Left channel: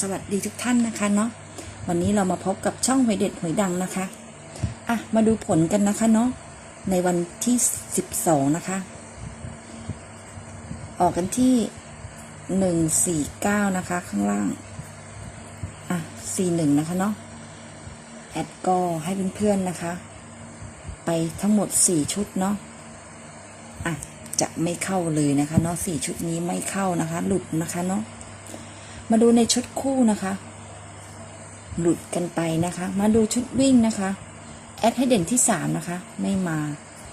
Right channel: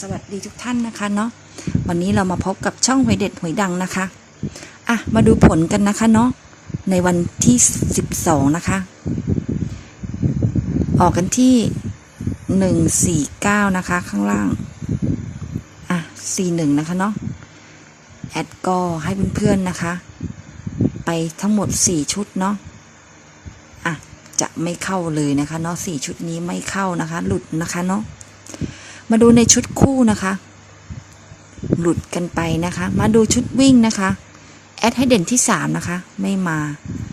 สวัสดีทุกท่านนะคะเนาะวันนี้เรามาพบกับช่องหวยเด็ดหวยดังนะคะอะมาดูผลกันนะคะเนาะในวันที่ 12 นะคะ ออกกันที่ 149 นะคะ ข้างล่างอะ41 นะคะเนาะแอดก็ให้เพื่อนๆนะคะ ไปทั้งหมด 4 ชุดเนาะอะจะไม่เข้าเลยนะคะเนาะ4ชุดนี้ไม่เข้านะคะ หลุดนะคะเนาะ มาดูในชุดคู่นะคะ หลุดกันไปนะคะ มาดูชุดวิ่งนะคะแอดให้เด่นที่ 3 นะคะ ไม่มา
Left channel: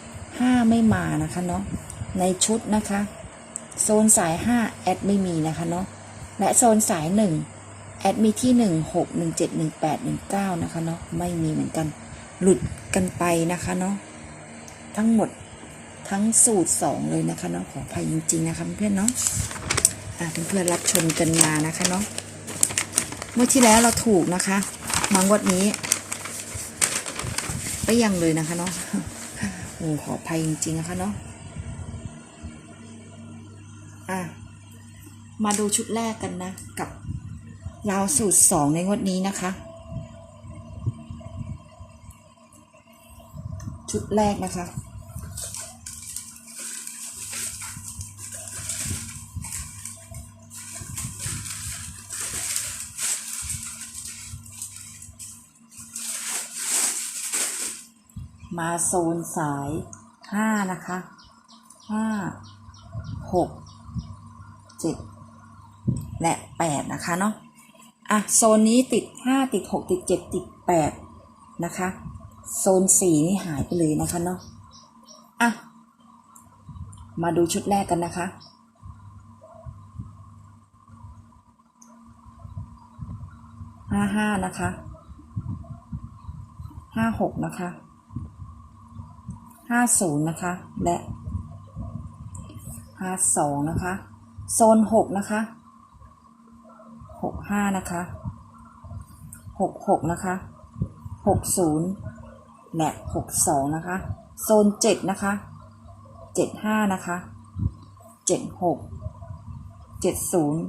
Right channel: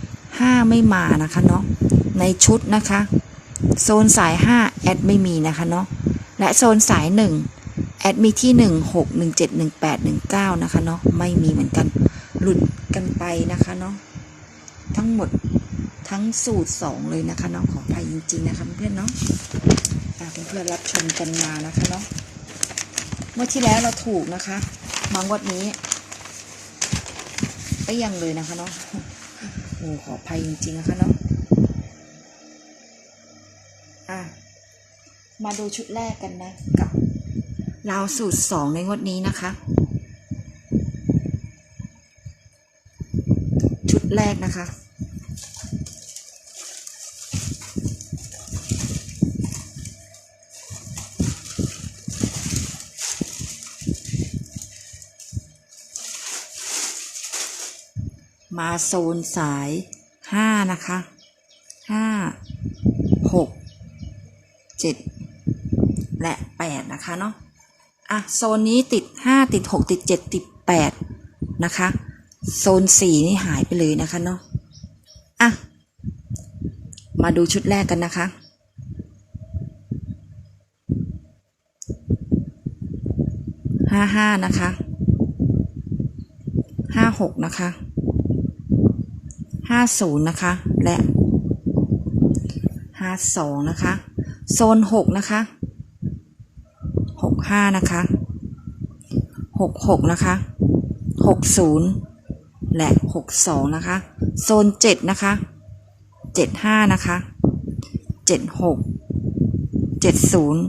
5 ไม่มานะคะเนาะในชุดนะคะ โซนสาย 5 แอดไม่มีนะคะเนาะและโซนสาย 1 แอดมีที่ 1 6 1 7 1 8 1 9 นะคะเนาะไม่มีเหมือนกันหลุดกันไปนะคะเนาะทั้งหมดทั้งสูตร 2 เลยนะคะเนาะขออภัยจริง ๆ นะคะเพื่อนเนาะ เพื่อนๆรับชมกันมานะคะเนาะเมื่อที่แล้วเราถูกนะคะ มองวัดนี้ก็ยังเลยนะคะเนาะโอ้ขออภัยจริงๆนะคะเนาะอะมาดูชุดแรกกันนะ กับราวสูตรสองในงวดนี้นะคะ ชุดแรกนะคะ มาโซนสายห้านะคะห้าหกเจ็ดและแปดนะคะเนาะอะโซนนี้ติดห้าติดหกติดเจ็ดติดแปดนะคะ โซนสี่นี่หายไปเลยนะคะเนาะอะ มาดูชุดแรกกันนะคะห้าห้านะคะห้าหกนะคะ ห้าศูนย์นะคะ และห้าสองนะคะ โซนหกนะคะหกห้านะคะหกหกนะคะหกศูนย์และหกสองนะคะ โซนเจ็ดนะคะเจ็ดห้านะคะเจ็ดหกเจ็ดศูนย์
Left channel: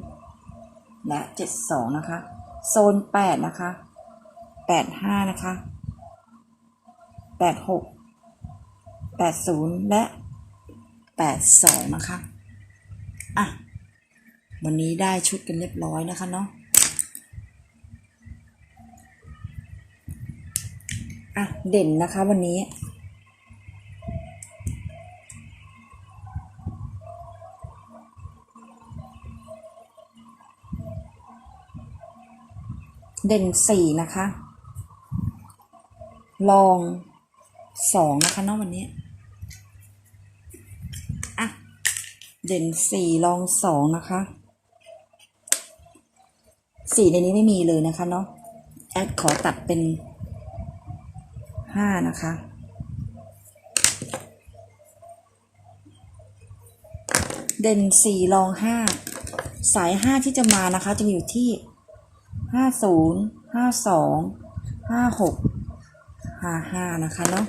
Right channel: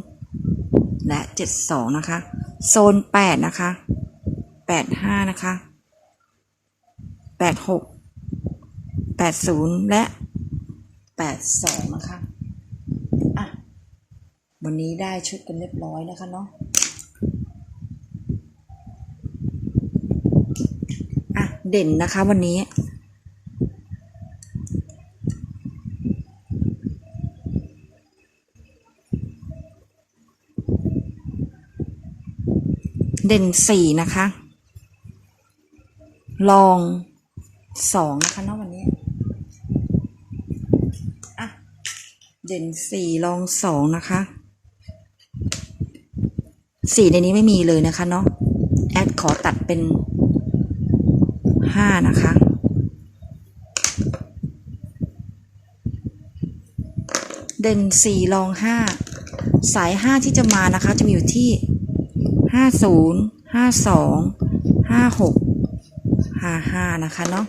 และเจ็ดสองนะคะ โซนแปดนะคะแปดห้านะคะแปดหกแปดศูนย์และแปดสองนะคะ อะ วันนี้ได้ชุดกันเรียบร้อยนะคะเนาะอะ เด่นนะคะวันนี้เด่นสี่นะคะ ลองสองนะคะเนาะวันนี้ อะ เด่นสี่ลองสองนะคะสี่ในนี้ไม่มีเลยนะคะเนาะแอดขอตัดเป็นห้านะคะเด่นสี่ลองห้าสายห้าที่จะมานะคะ จะมีอยู่ที่ห้าศูนย์ห้าสองห้าหกห้าห้านะคะเนาะ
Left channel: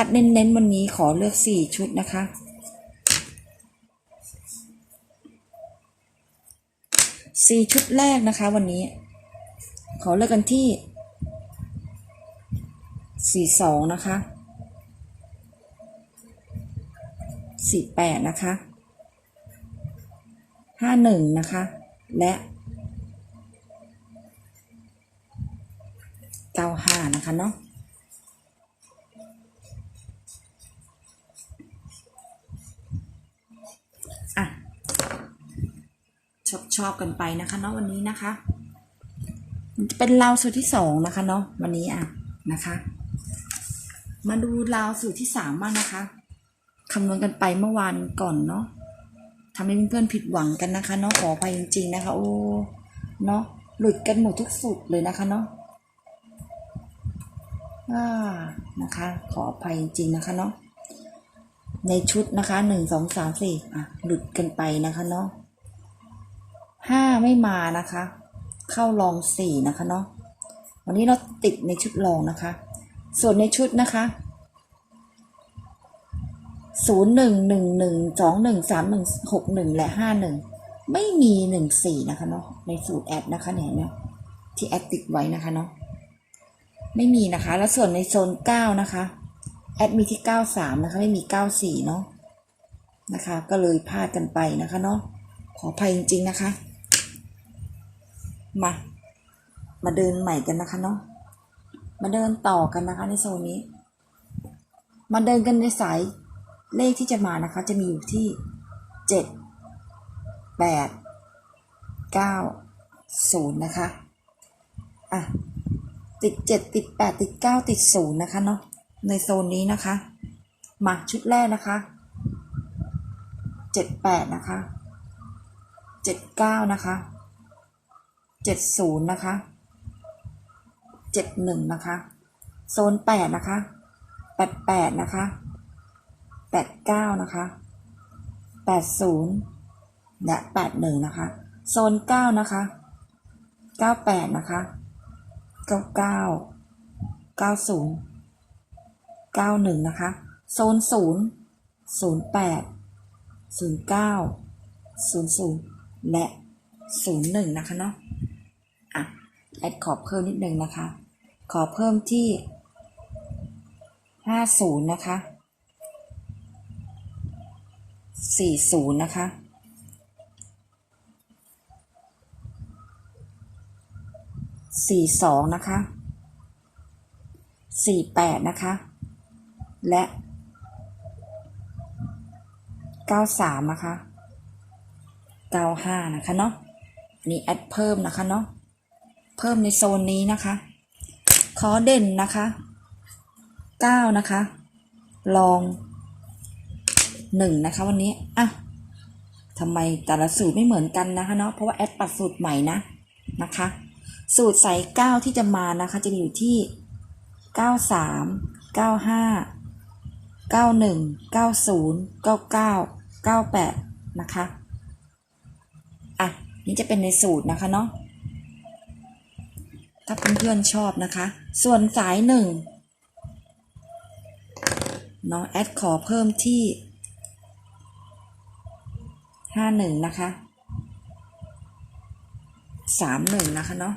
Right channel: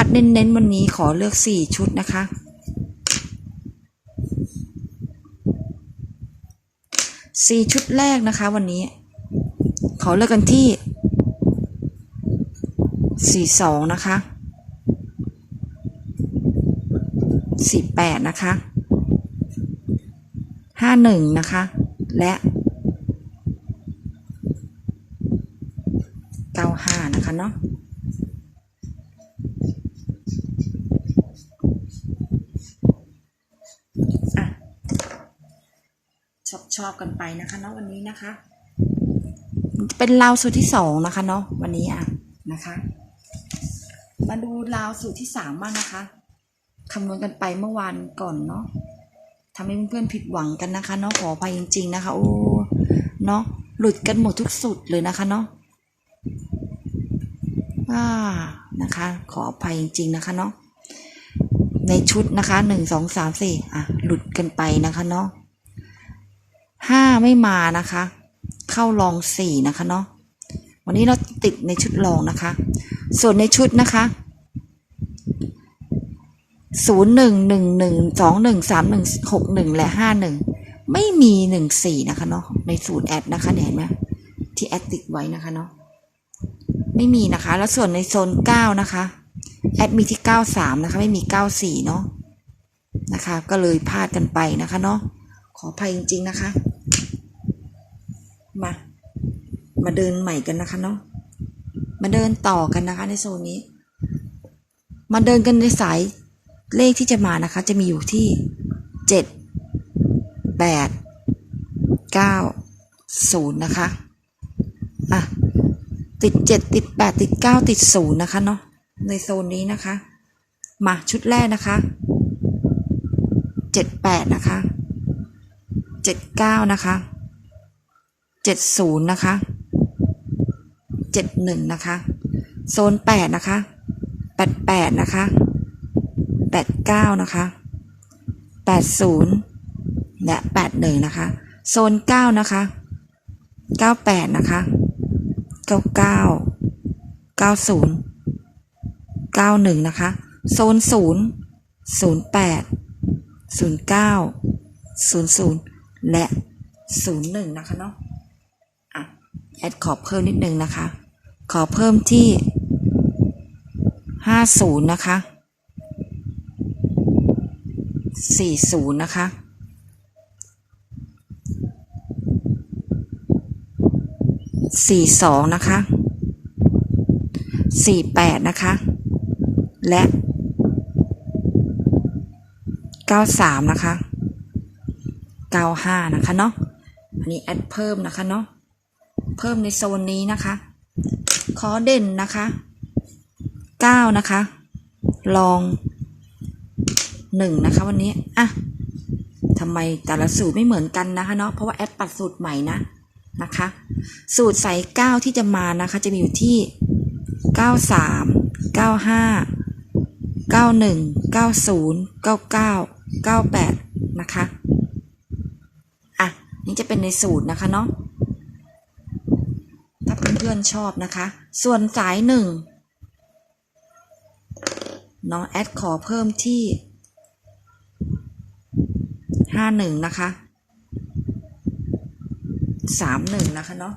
คัดเน้นๆวันนี้ขอเลือกสี่ชุดนะคะสี่ชุดแรกนะคะวันนี้ ขอเลือกกันที่สี่สองนะคะสี่แปดนะคะห้าหนึ่งนะคะ และเก้าห้านะคะเนาะ ชอบกันไปนะคะเนาะวันนี้นะคะ เป็นราวสูตรที่สองนะคะเนาะวันนี้อะนะคะ มาดูราวสูตรที่สามบ้างนะคะคำนวณกันไปเมื่อวานก่อนเนาะทำให้เพื่อนๆผิดหวังกันนะคะเนาะขออภัยจริง ๆ นะคะโอ้เนาะหลุดกันหมดทุกสูตรเลยนะคะเนาะอ่านะคะ ขออภัยจริง ๆ นะคะเนาะในชุดนะคะหนึ่งสองสามสี่อะ หลุดกันไปนะคะเนาะ ห้าไม่มานะคะ เข้ารองสี่นะคะเนาะวันนี้เราติดในชุดรองนะคะ ส่วนในชุดนะคะศูนย์หนึ่งหนึ่งหนึ่งสองหนึ่งสามหนึ่งหกหนึ่งและห้าหนึ่งไม่มีหนึ่งสี่นะคะเนาะในสูตรแอดนะคะเนี่ยเห็นไหมที่แอดติดไว้นะคะเนาะไม่มีนะคะ แล้วส่วนในโซนเก้านะคะแอดมีที่เก้าสามนะคะ ไม่มีเก้าสี่เนาะนะคะ ก็เลยพลาดกันไปนะคะเนาะ ขออภัยจริง ๆ นะคะ มา มาเดินใหม่กันนะคะเนาะ มาเดินต่อกันนะคะในโซนนี้ มาเดินกันในสายเลขที่จะมานะคะ จะมีอยู่ที่เจ็ดแปดเก้าศูนย์นะคะ อะ ติดเจ็ดติดแปดติดเก้าติดศูนย์นะคะเนาะ ในโซนนี้นะคะ มาชุดแรกนะคะเจ็ดแปดนะคะ เจ็ดเก้านะคะเจ็ดศูนย์นะคะเจ็ดหนึ่งนะคะโซนแปดนะคะแปดแปดนะคะแปดเก้านะคะแปดศูนย์และแปดหนึ่งนะคะโซนเก้านะคะเก้าแปดนะคะเก้าเก้าเก้าศูนย์เก้าหนึ่งนะคะโซนศูนย์ศูนย์แปดศูนย์เก้าศูนย์ศูนย์ และศูนย์หนึ่งนะคะเนาะอะแอดขอเพิ่มนิดนึงนะคะ ขอเพิ่มที่ห้าศูนย์นะคะสี่ศูนย์นะคะสี่สองนะคะสี่แปดนะคะ และเก้าสามนะคะ เก้าห้านะคะเนาะ อันนี้แอดเพิ่มนะคะเนาะ เพิ่มในโซนนี้นะคะ ขอเด่นนะคะเก้านะคะ ลองหนึ่งนะคะวันนี้ อะทำไมแต่ละสูตรไม่เหมือนกันนะคะเนาะ เพราะว่าแอดปัดสูตรใหม่นะนะคะ สูตรใส่เก้าที่จะมานะคะ จะมีอยู่ที่เก้าสามเก้าห้าเก้าหนึ่งเก้าศูนย์เก้าเก้าเก้าแปดนะคะ นี่จะเป็นในสูตรนะคะเนาะถ้าเพื่อนๆชอบนะคะ ส่วนสายหนึ่งน้องแอดขอเพิ่มที่ห้าหนึ่งนะคะสามหนึ่งนะคะเนาะ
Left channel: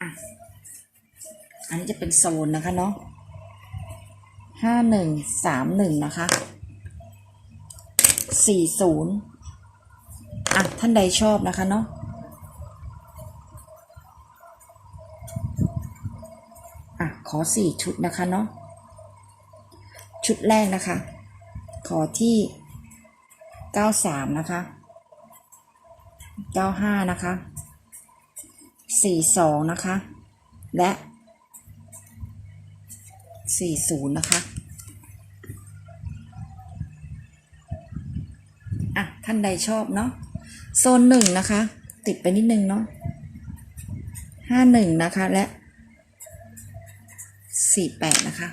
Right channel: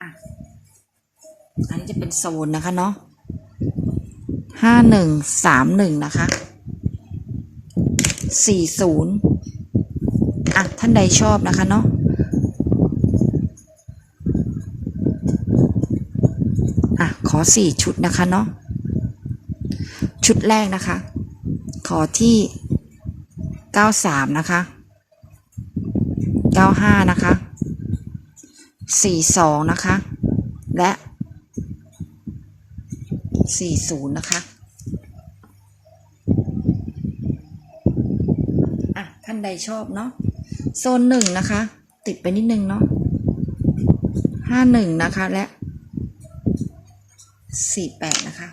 อะอันนี้จะเป็นโซนนะคะเนาะห้าหนึ่งสามหนึ่งนะคะสี่ศูนย์ ท่านใดชอบนะคะเนาะอะขอสี่ชุดนะคะเนาะชุดแรกนะคะ ขอที่เก้าสามนะคะเก้าห้านะคะสี่สองนะคะ และสี่ศูนย์นะคะอะท่านใดชอบเนาะ โซนหนึ่งนะคะ ติดไปนิดนึงเนาะห้าหนึ่งนะคะและสี่แปดนะคะ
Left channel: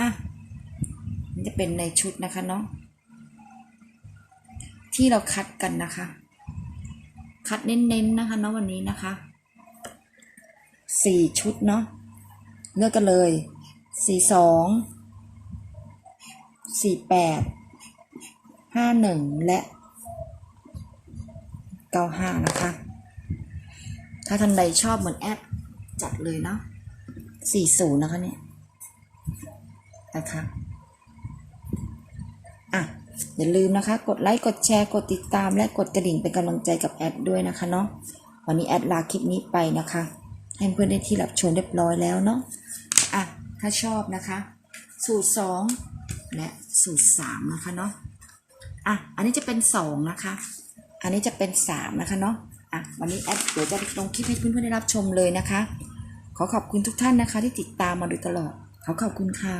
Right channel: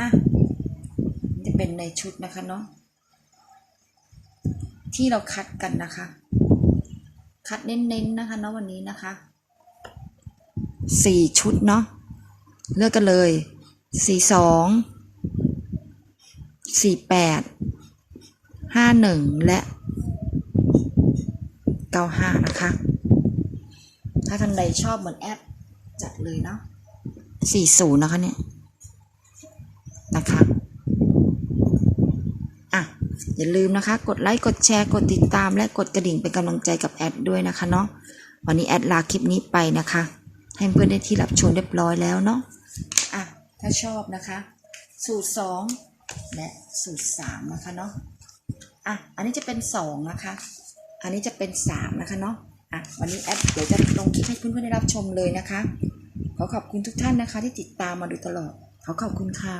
อะ จะเป็นในชุดนะคะเนาะที่เราคัดกันนะคะ คัดเน้นๆนะคะเนาะวันนี้นะคะสี่ชุดเนาะเลือกกันเลยสี่สองสี่แปดห้าหนึ่งและ เก้าห้านะคะ ถ้าท่านใดชอบเหมือนแอดจัดเลยเนาะสี่ศูนย์นะคะเนี่ย นะคะ อะ อย่าลืมนะคะ กดไลค์ กดแชร์ กดติดตาม และกดกระดิ่งเป็นกำลังใจกับแอดด้วยนะคะเนาะ วันนี้แอดลาคลิปนี้ไปนะคะ ให้เพื่อนได้ที่รับชมเรียบร้อยแล้วเนาะ อะ ถ้าชอบนะคะ สูตรสองและสูตรสามนะคะเนาะ อะ อันนี้จะเป็นสองนะคะ อันนี้จะเป็นสามนะคะเนาะอะวันนี้แอดเดี๋ยวจะลงคลิปให้เพื่อนๆได้รับชมเลยนะคะ ขอขอบคุณทุกท่านนะคะที่ติดตามมาโดยตลอด ขอขอบคุณค่ะ